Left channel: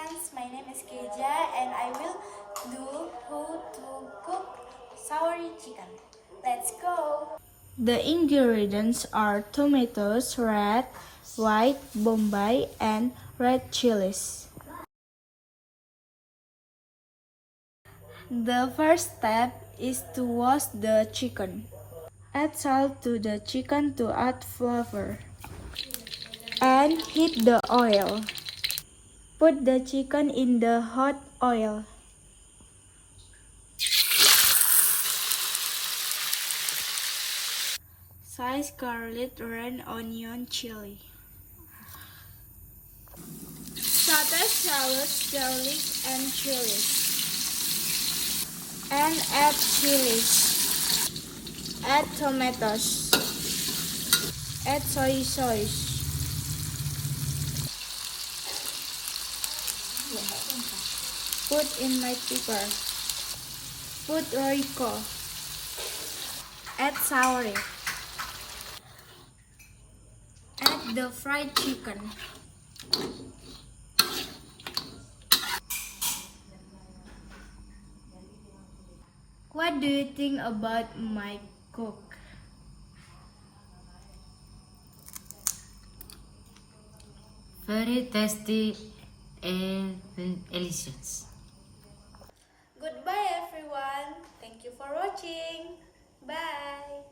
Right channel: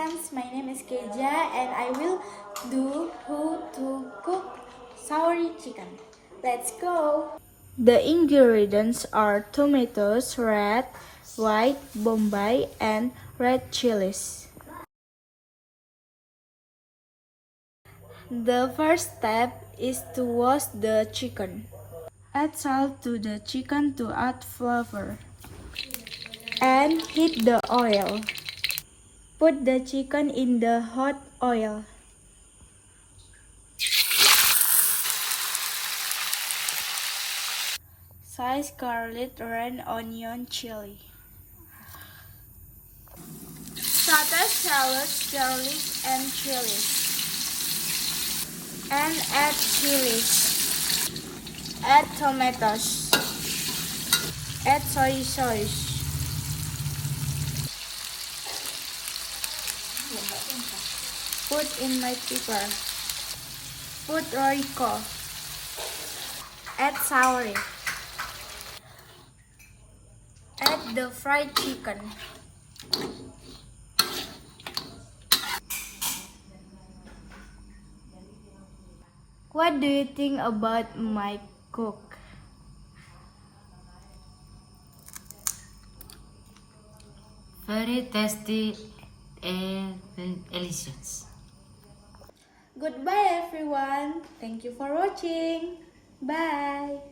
friends, my name is Keja and I will do how to cook soury chicken. Let's go! The ingredients are tomatoes, red, white, Bombay, and red chilies. The first step is to wash the chicken. Add salt to the chicken to add flavor. And heat the oil. Put the chicken in the hot oil. Slice garlic, red onion, chili. Saute shallots, garlic, and chilies. And add chilies. Add tomatoes. Add soy sauce. Put in my pepper. Put royco. Add soury. Add the fried chicken. What do you think about my cook? Very tasty and delicious. Goodbye everyone. Thank you for watching. Bye.